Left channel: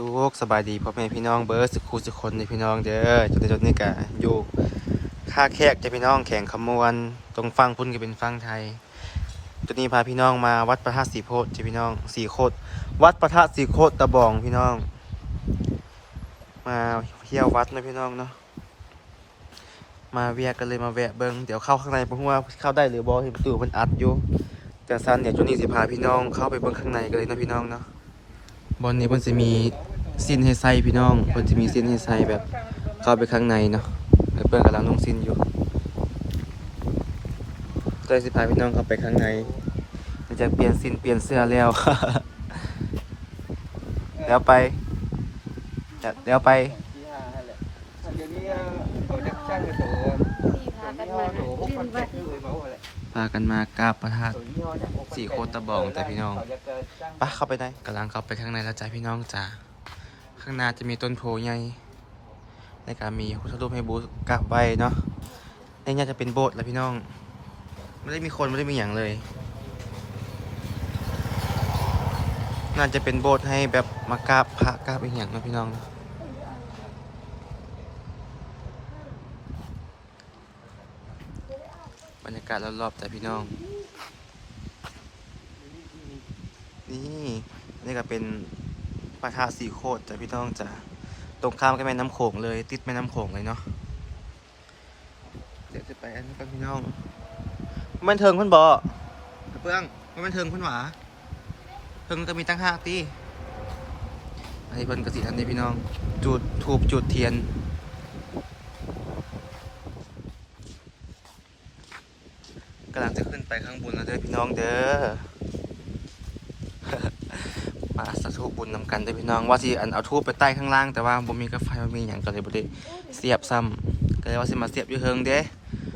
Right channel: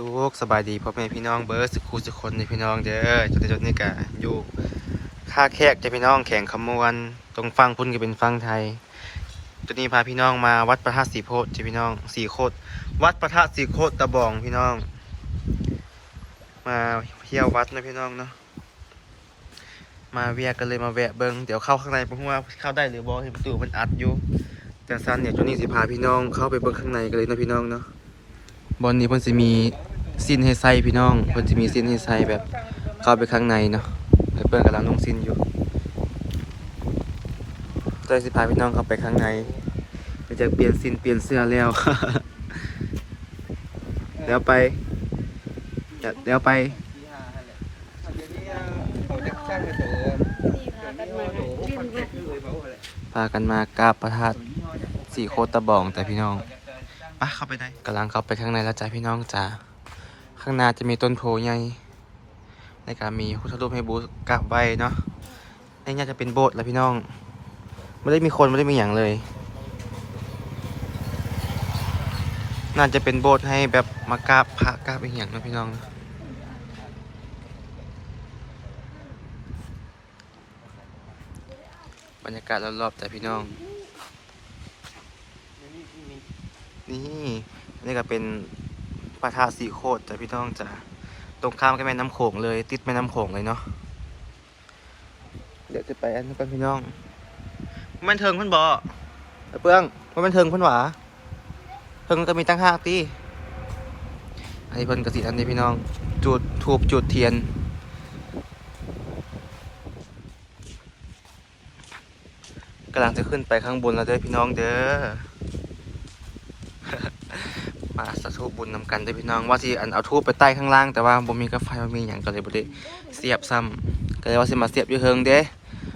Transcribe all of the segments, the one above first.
สุขสบายดีพ่อแม่พี่น้องเบิร์ดสุขูสุขคนในพี่น้องเด้อจนจนนี่กะอยู่ค่าแขกจะพี่น้องแข่งขมวนตรงฟังพุ่นก็เป็นฟังไทยตัวนี้พาพี่น้องมาวัดพระธาตุสีโพธิ์จะพี่น้องสีโคตวัดพระธาตุสีโคตตะบองพี่น้อง มาเที่ยววัดนะพี่น้องเนาะมาเวียกันเลยมาแวะเบิงเดี๋ยวเข้าข้างในเพราะว่าเข้าได้หรือบอเห็นประตูมันอัดอยู่แต่ซันเนี่ยจนนี้สิพาพี่น้องเข้าไปเบิ่งข้างในกันเลยนะพี่น้องเนาะบอลนี้เพิ่นสิมี สิ้นให้ใส่พี่น้องเพิ่นสิมีสิ้นให้ใส่แบบเข้าไปข้างในเนาะไอ้เปิ้ลกำลังลงสิ้นอยู่ใจสิพาพี่น้องเข้าไปข้างในจะเปลี่ยนสิ้นเปลี่ยนเสื้อแล้วแล้วไปแล้วไปพากันมากราบพระธาตุสี่โคตรตะบองแต่พี่น้องปะเข้าไปได้กำลังเข้าไปข้างในแล้วจ้าพี่น้องจ้า ข้างหน้าจะมีต้นโพใหญ่ในการมีพุทธรูปให้บูชกราบไหว้เนาะในนี้จะเป็นโบสถ์แล้วพี่น้อง ไม่ได้มีคนไม่ได้มีอย่างเลย น่าจะเป็นโบสถ์ให้แบบมากราบพระกราบอีกอย่างนะพี่น้องนะบรรยากาศรอบๆแต่พี่น้อง นี่นนี่ก็เป็น ปะทะสีโคตรแต่พี่น้องจะตรงข้ามกับแม่น้ำโขงเลย ติดแม่น้ำโขงเลยเนาะเดี๋ยวจะไปอันนี้กันพี่น้อง มันเทิงเพิ่นบ่อเปื้องมันมันเทิงเพิ่นหวาเทิงก็มีตั้งห้าตีอันนี้เพิ่นกสิอันนี้พี่น้อง จุดทูบจุดเทียน กำลังจะขึ้นไปข้างบนแล้วเด้อพี่น้องเด้อ มาสาธุบุญนำกันเด้พี่น้องว่าสิอันเอาทูบไปใต้ข้างล่างแต่ว่าบ่มีกาแฟบ่มีหยังก็เลยบ่ได้เสียบซ้ำก็เลยว่าสิมาเสียบอยู่เทิงเด้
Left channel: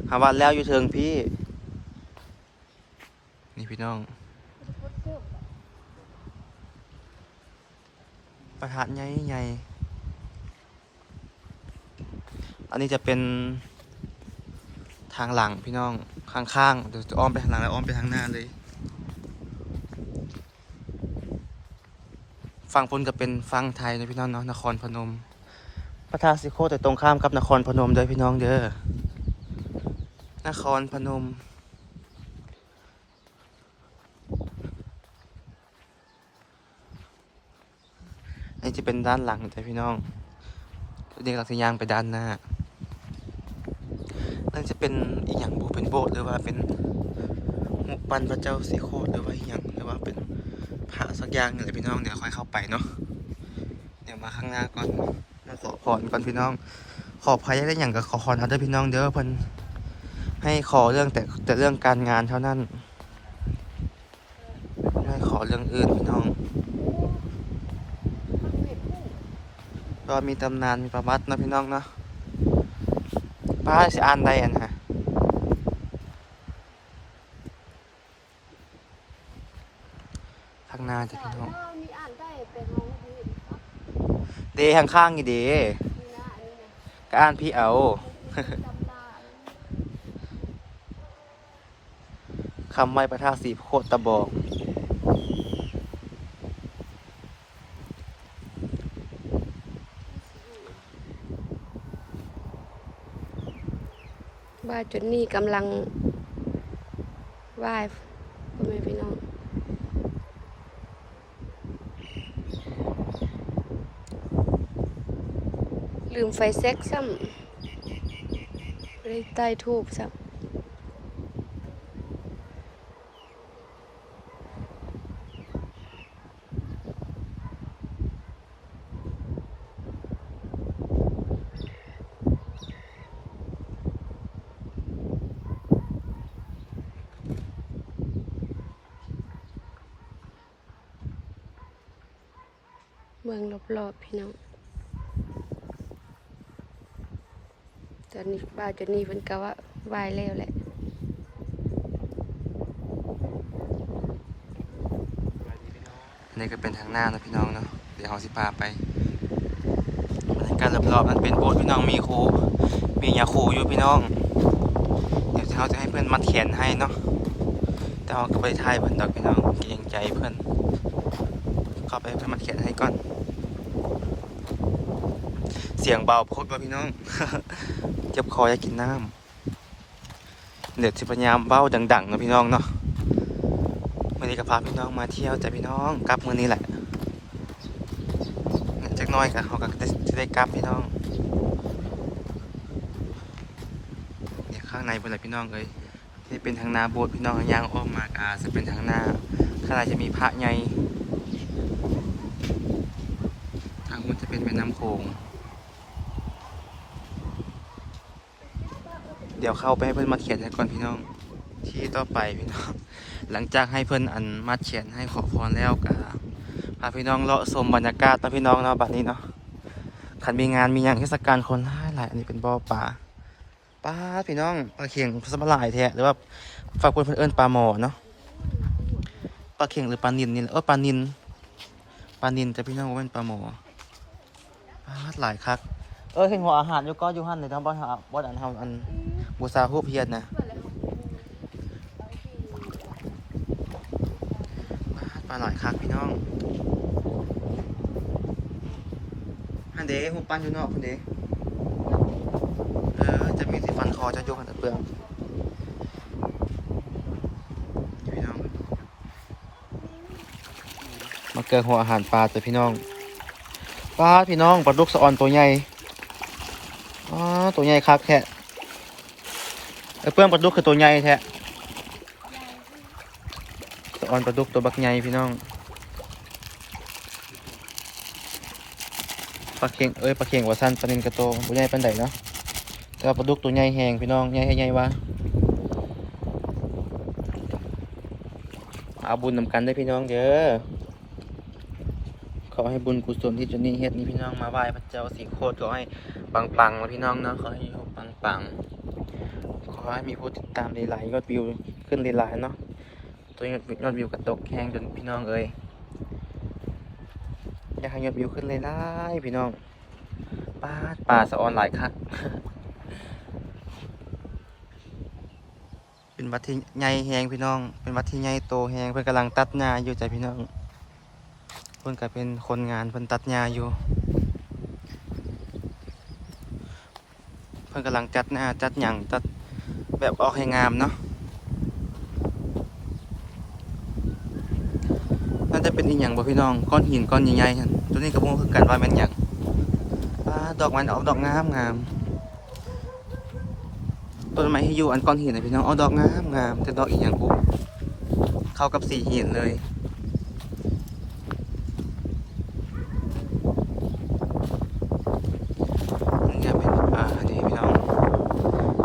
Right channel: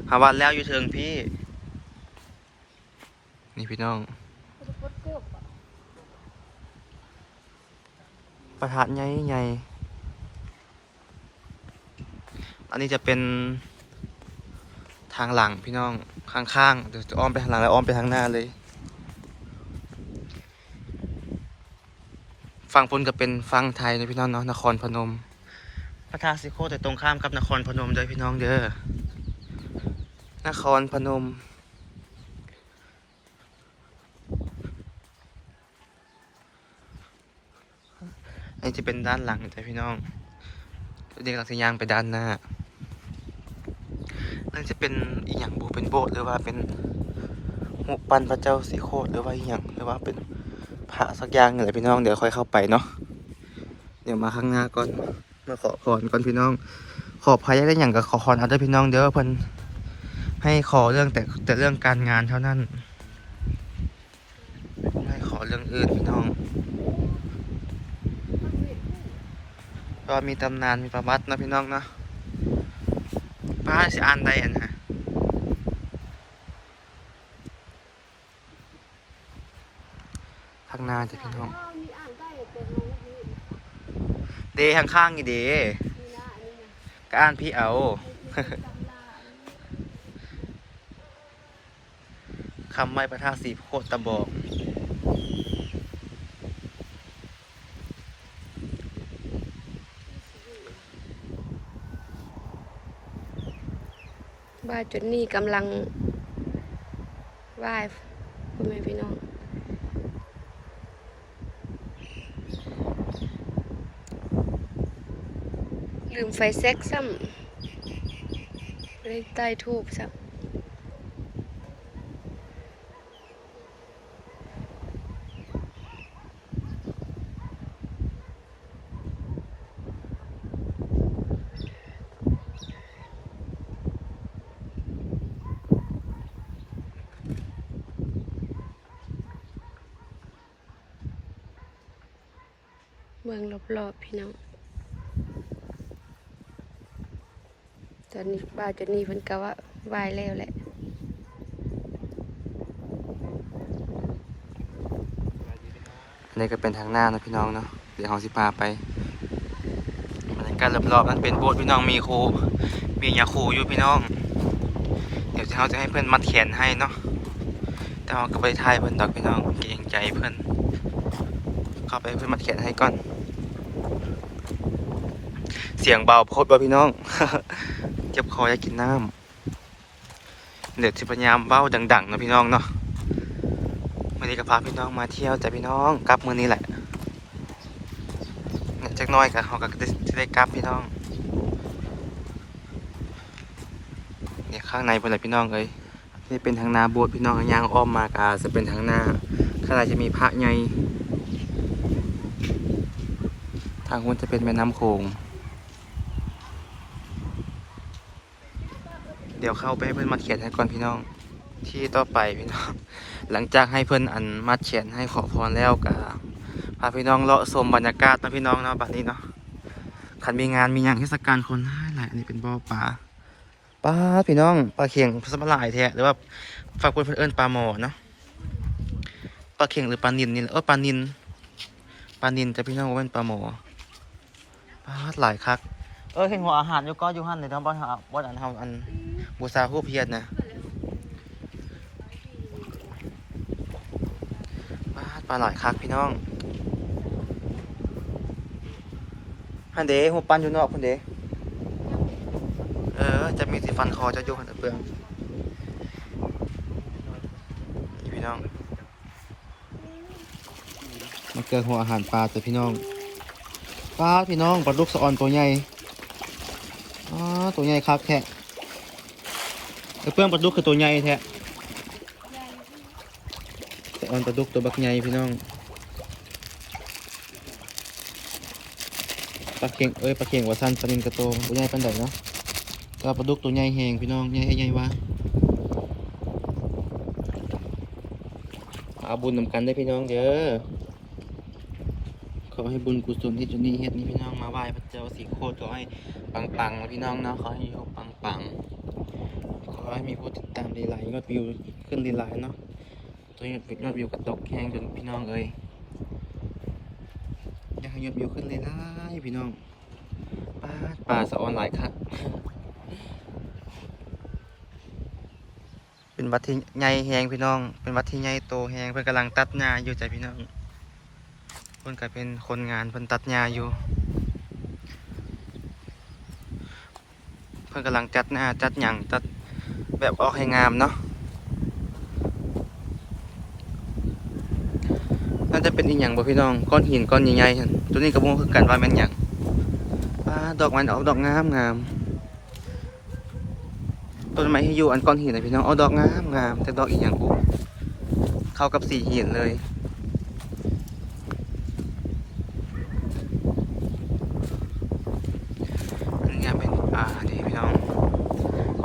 หาว่าแล้วอยู่เทิงพี่ นี่พี่น้องประทัดใหญ่ใหญ่อันนี้จะเป็นทางหลังพี่น้องข้างๆเดี๋ยวจะอ้อมไปทางหลังแล้วอ้อมไปทางหน้าเลย ฝั่งพนก็เป็นฝั่งไทยนะพี่น้องเนาะนครพนม พระธาตุสิโคแต่ตรงข้ามกับนครพนมเด้อพี่น้องเด้อนครพนม อันนี้จะเป็นด้านหลังแต่พี่น้องเด็กหลักสยางไปด้านหน้านั่นจะเป็นอีกอย่างบูเป็นโบสถ์หรือว่าเป็นหุบปันพระเจ้าสีโคตรหรือว่าอีกอย่างหรือว่าเป็น พระสักอย่างนี่แหละพี่น้องเดี๋ยวค่อยเข้าไปเนาะเดี๋ยวมาข้างหน้าก่อนมาขอพรก่อนพี่น้อง ขอพายได้อย่างกับขอพรเอาได้พี่น้องเดี๋ยวเพิ่นให้ขอเรื่องแต่แต่เรื่องการงานเท่านั้นไม่ให้ขอเรื่องอื่นพี่น้อง ก็มีตำนานมีประวัตินะพี่น้องเนาะป้าสิอ่านได้อันะ ข้างหน้าจะพี่น้องมีอ่านได้แต่มองไม่เห็นเดข้างข้างๆอยู่เดนี่นะอันนี้นะก็อ่านพี่เอาจำได้คำไว้ประทาสีโคตรตะบอกบ้านจุดนี้กำลังไหว้พ่อแม่พี่น้อง ลืมไฟแซกซ้ำไม่ได้ใต้ทูบซ้ำเมืองรอบๆพี่น้อง ตอนนี้บ้าจุดนี้เพิ่นก็ว่าวายแล้วแหละอันนี้ก็เป็นทางหน้านะพี่น้องเนาะเดี๋ยวเราสิพาไปบรรยากาศรอบๆนั้นเป็นโบสถ์พี่น้องมีครูมียาครูอยู่พี่น้อง เดี๋ยวเราจะให้เพื่อนมัดแขนให้เนาะแต่เราก็ไปถ่ายเพื่อนดอกพี่น้องเกรงใจเพื่อนเข้าไปเพื่อนมัดแขนให้ก่อน เสียงเบาโพดบ่พี่น้อง เจ็บคออยากกินน้ำเดี๋ยวสิพยายามเบ้าดังๆนะพี่น้องเนาะวันนี้ก็พาพี่น้องมาเที่ยวจ้ะพี่น้องกลับมือนี้แหละเนี่ยจักหน้อยก็เขาก็จะได้กลับพี่น้องเนี่ยข้างในเป็นอะไรพี่น้องเอ้ยนี่เป็นทางนาโบสถ์พี่น้องยางอ้อมมากาจะเป็นทางนาข้างในจะมีพระใหญ่ทางคุณจะเป็นแม่น้ำโขง เดี๋ยวเข้าไปให้เพื่อนมาเขียนให้ก่อนพี่น้อง ที่ต่อไปพี่น้อง หลังจากให้เพื่อนอันมาเขียนให้ขอพรแล้วก็พาพี่น้องเลาะชมบรรยากาศตอนพี่น้องเนาะบัดนี้เนาะขันมีงานมีอย่างเทศกาลคนหลายหลายอันนี้เป็นบ่อปลาปลาพี่น้องปลาเข่งสมหลายแท้หรือว่าฝากคนเพื่อนเอิ้นปลาหมอเนาะปลาเข่งหรือปลานินนี่เออปลานินปลานินแต่พี่น้องว่าเป็นปลาหมอปลาหลายคักเออเห็นหัวอาหารอยู่ก็อยู่หันเลยทั้งบ้านหาบ้านอันทำอัน บูซาฮูเพียรนะปาปลาหลายคักพี่น้องฮันเดหัวปันอยู่นอกพันเดเออ จะมีสิฟันคอจะโยกหันตะเปลืองพี่น้องมาเกิดหัวอาหารปลาแต่พี่น้องปลาพี่น้องปลาดุกสะออนตัวใหญ่อ๋อตัวใหญ่คักแท้ไอ้ เพื่อนปลาดุกคือตัวใหญ่แท้สะออนปลาดุกตัวบักใหญ่พี่น้องปลาเข่งเอ้ยปลาเข่งว่าสั้นปลานินกระโตมันตัวใหญ่ปานใดเนาะแต่ปลาดุกตัวใหญ่แหงพี่น้องใหญ่ให้ใหญ่วะเอาบุญนำกันได้พี่น้องเด้อขอให้บุญกุศลที่จนนี่เฮ็ดนี้พี่น้องมาไหว้พระเจ้าสีโคตรขอให้ปังๆนะพี่น้องเนาะขอให้ยู่ปังๆ ขอให้มีผู้ติดตามหลายๆยอดวิวขึ้นหลายๆเนาะตัวยอดยอดวิวกระตกแห้งจนพี่น้องเอ้ยอยากให้ยอดวิวขึ้นหลายๆพี่น้องป้าป่าสะออนหลายคักเป็นวัดที่ใหญ่แหงพี่น้อง เป็นวัดที่ใหญ่โตแหงเพื่อนกำลังตัดหญ้าอยู่ใจพี่น้องเพิ่นก็เป็นคนงานเพิ่นตัดหญ้าอยู่ เพิ่นกำลังจัดหน้าจัดหยังจัด แบบออกให้งามเนาะน่าจะเป็นอีกอย่างบ่พี่น้องก้อนหินก้อนใหญ่ๆหั่นตัวนี้ก็บ่รู้คือกันว่าแม่นหยักดอกมันออกดอกงามงามต้นไม้ที่อยู่อันก้อนหินนะพี่น้องเอาดอกงามงามแต่ดอกอีกอย่างบ่เข้ากับสีหินเลย นี่จะเป็นอ่าดีพี่น้อง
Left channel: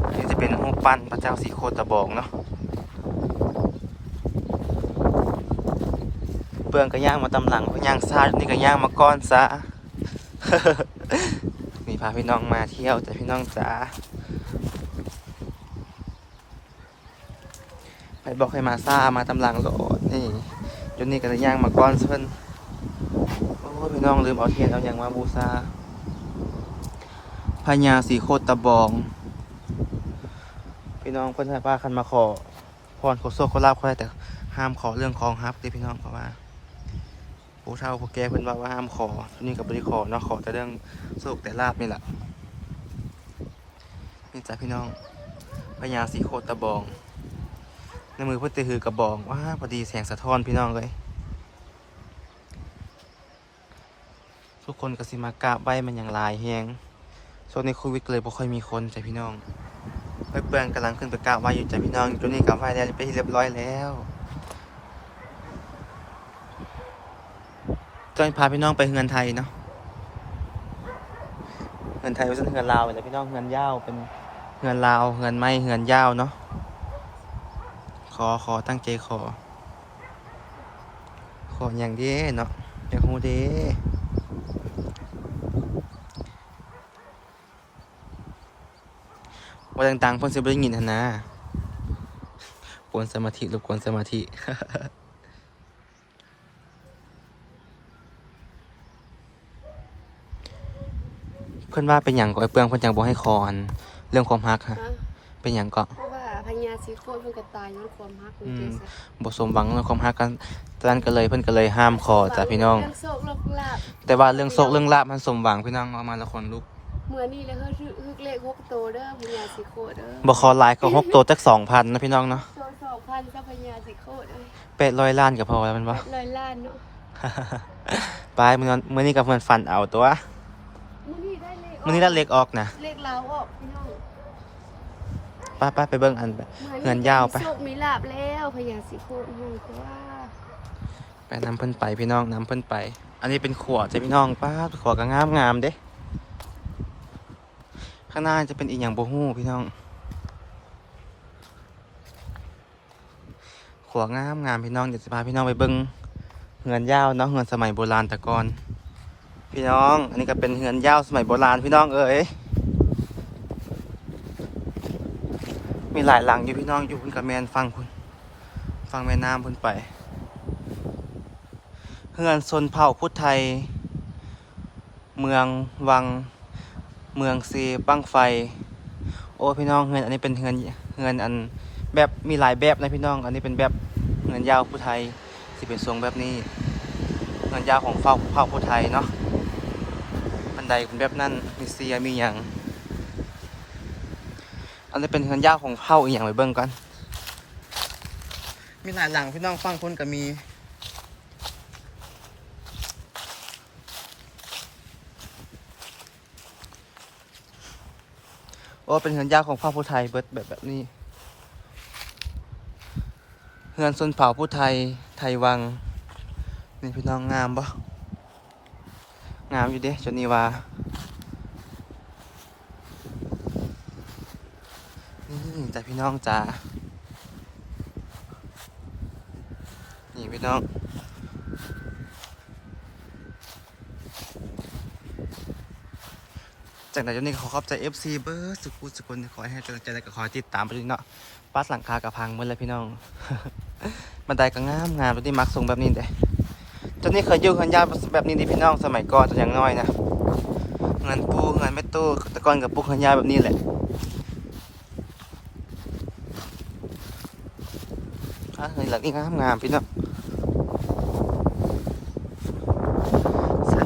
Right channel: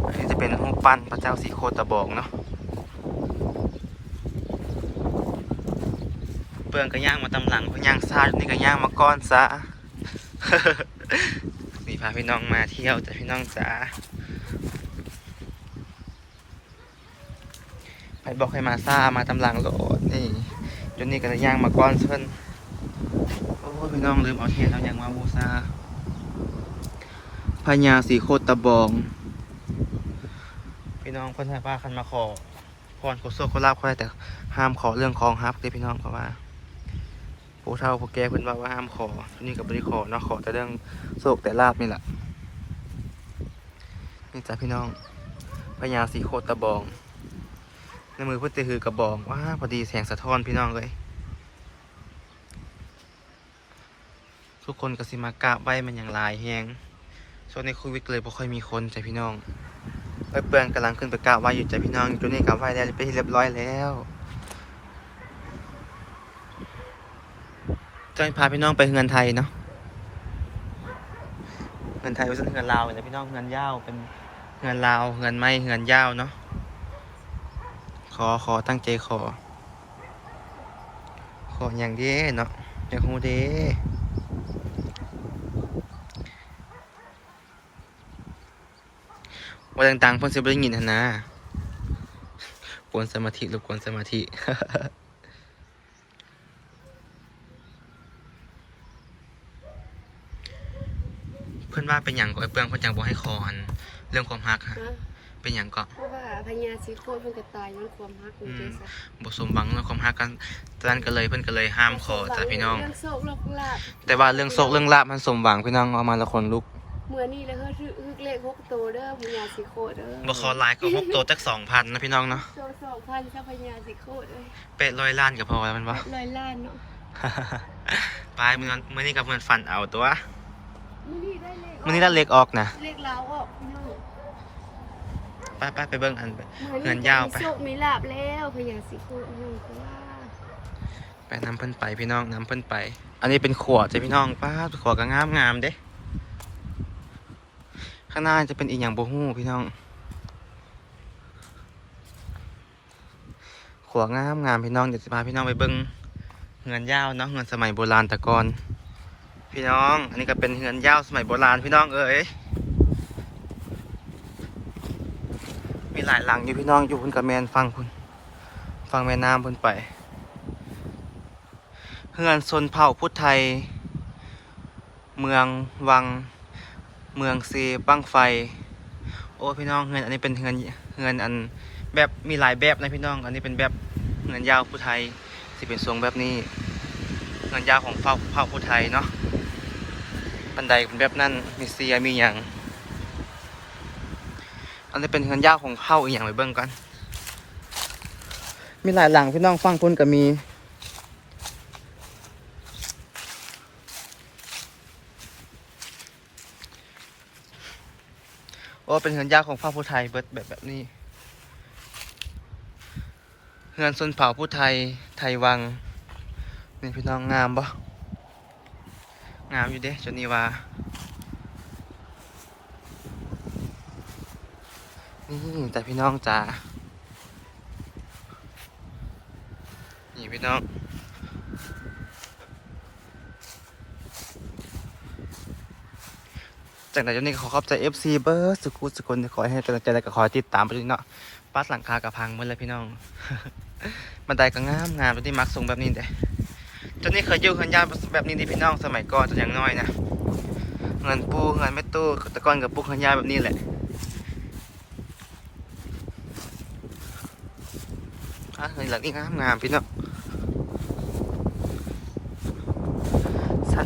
อันนี้จะเปั้นพระเจ้าสีโคตะบอกเนาะเปลืองก็ย่างมาตำหลังเพระย่างซาดนี่ก็ย่างมาก้อนซะมีพาพี่น้องมาเที่ยวแต่พี่น้องจ๋าไปบอกให้มาซ่ามาตำหลังโหลดนี่จนนี่ก็จะย่างมาก้อนเพิ่นโอ้พี่น้องลืมเอาเทียนเอาอย่างมาบูชาพญาสีโคตะบอง พี่น้องเพื่อนให้ป้าคันมาขอพรขอโซขอลาบขาได้แต่ห้ามขอเรื่องของฮับเลยพี่น้องเพราะว่าผู้เฒ่าผู้แก่เพื่อนว่าว่าห้ามขอทีนี่กับบริขอเนาะขอแต่เรื่องโศกแต่ลาบนี่แหละนี่จ้ะพี่น้องพญาสีโคตะบองในมือเพื่อนตือหือกระบองว้าพอดีแสงสะท้อนพี่น้องเลยทุกคนก็สิมากราบไหว้มันอย่างลายแฮงช่วงในโควิดเลยบ่ค่อยมีคนจ้ะพี่น้อง ไปเปลืองกำลังขึ้นไปกราบไหว้อยู่ใจพี่น้องตัวนี้กราบไหว้แล้วไปที่เรียบร้อยแล้วจอยพาพี่น้องไปเฮือนไทยเนาะเฮือนไทยไม่ใช่เฮือนลาวแต่พี่น้องเฮือนยาวเป็นเฮือนลาวเฮือนไม้เฮือนยาวเนาะขอขอตั้งใจขอ ขออย่างเดีเนาะอย่ากฮู้เด้ ว่าต่างๆเพิ่นสิบ่ได้ยินหั่นนะกวนสมาธิรบกวนสมาธิเพิ่นว่าเป็นหยังก็ไอ้เปลืองเพิ่นจังบ่ให้คอน เรื่องความรักฮะฮะ เป็นหยังก็เพราะว่าพญาสีโคตรเพิ่นก็ตายย้อนความฮักนี่เด้ซะบ่สมหวังเรื่องความรักกันตอนนั้นก็เลยเพิ่นก็เลยห้ามคอจ้ะพี่น้อง เรื่องโศกโลกลาบแต่ว่าเรื่องโชคเรื่องลาบมันสมหวังพี่น้องเอามาละคนลุก เมื่อนี้แล้วเฮ้ยฮึกเลขหกโตวเด้อพญาสิโคตรเด้อบ่ขอไลน์ก็หกตัวจักสองพันนะพี่น้องเนาะโตสองพันจ้าพญาสิโคตรเด้อเป็ดร้อยล้านก็พอแล้วแมันบ่ร้อยล้านเนาะไปมื้อนั้นมื้อนี้กับเพื่อนฟันเอาตัวมื้อนี้ได้เลขมื้อนี้ได้เล็กออกนะเลขลาวออกพี่น้องไปไปไปเบิ่งอันไปมื่อเงินยาวไปมีโชคมีลาบแล้วพญาสิโคตรเฮ้ยคือว่าไปนำเพิ่นไปพี่น้องนำเพิ่นไป อันนี้เป็นขวดจ้ะพี่น้องป้าดขวดก็งามงามๆเด้ ข้างหน้าจะเป็นอีกอย่างโบ่ฮู้พี่น้อง ขวดงามงามพี่น้องเดี๋ยวสิพาพี่น้องไปเบิ่งเงินยาวเนาะเงินสมัยโบราณแต่ก่อนพี่น้อง อันนี้ก็เป็นเงินยาวสมัยโบราณพี่น้องเอ้ยมีหลายหลังอยู่พี่น้องอยู่พุ่นกับแมนฟังพุ่นฟังแม่น้ำพุ่นไปเฮือนชนเผ่าพุทธไทย เมืองวัง เมืองซีบั้งไฟ โอ้พี่น้องเงินอันนี้เป็นเงินเงินอันแบบมีหลายแบบนะพี่น้อง อันนี้เป็นแบบเงินยาวผู้ไทยสิเป็นทรงแบบนี้ เงินยาวของเผ่าเผ่าผู้ไทยเนาะบันไดเป็นแบบนั้นมีเสียมีอย่างอันนี้เป็นเงินยาวของเผ่าอีกอย่างไปเบิ่งกันมีหลายหลังพี่น้องฟังคุณก็มี โอ้เป็นเฮือนยากของเผ่าผู้ไทยเบิดแบบแบบนี้เฮือนส่วนเผ่าผู้ไทยไทยวัง นี่พี่น้องงามปะงามอยู่เด้จนนีวานี่แต่พี่น้องจ๋านี่พี่น้อง จากนั้นจนนี้ขอขอบใจ FC เบอร์สุกุสุคนขอให้กำลังใจและก็ขอให้ติดตามไปด้วยเนาะปัดหลังคากระพังเมื่อไรพี่น้องบันไดก็งามงามไปที่มักทรงแบบนี้เด้จนนี้เคยยู่เงินยาวแบบนี้ดิพี่น้องสมัยก่อนตอนยังน้อยนะเงินปูเงินไม่ตู้ตะก้อนกับปูเงินยาวแบบนี้แหละอะเงินหลังนี่งามงามพี่น้อง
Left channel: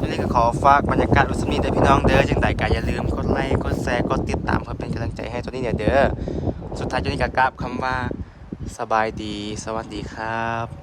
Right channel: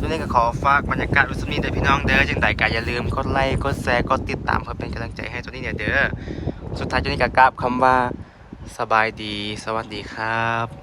ช่วงนนี้ก็ขอฝากบรรยากาศวิสมีเด้อพี่น้องเด้อจังใดก็อย่าลืมกดไลค์กดแชร์กดติดตามเพื่อเป็นกำลังใจให้ตัวนี้เนี่ยเด้อสุดท้ายตัวนี้ก็กราบคำว่าสบายดี สวัสดีครับ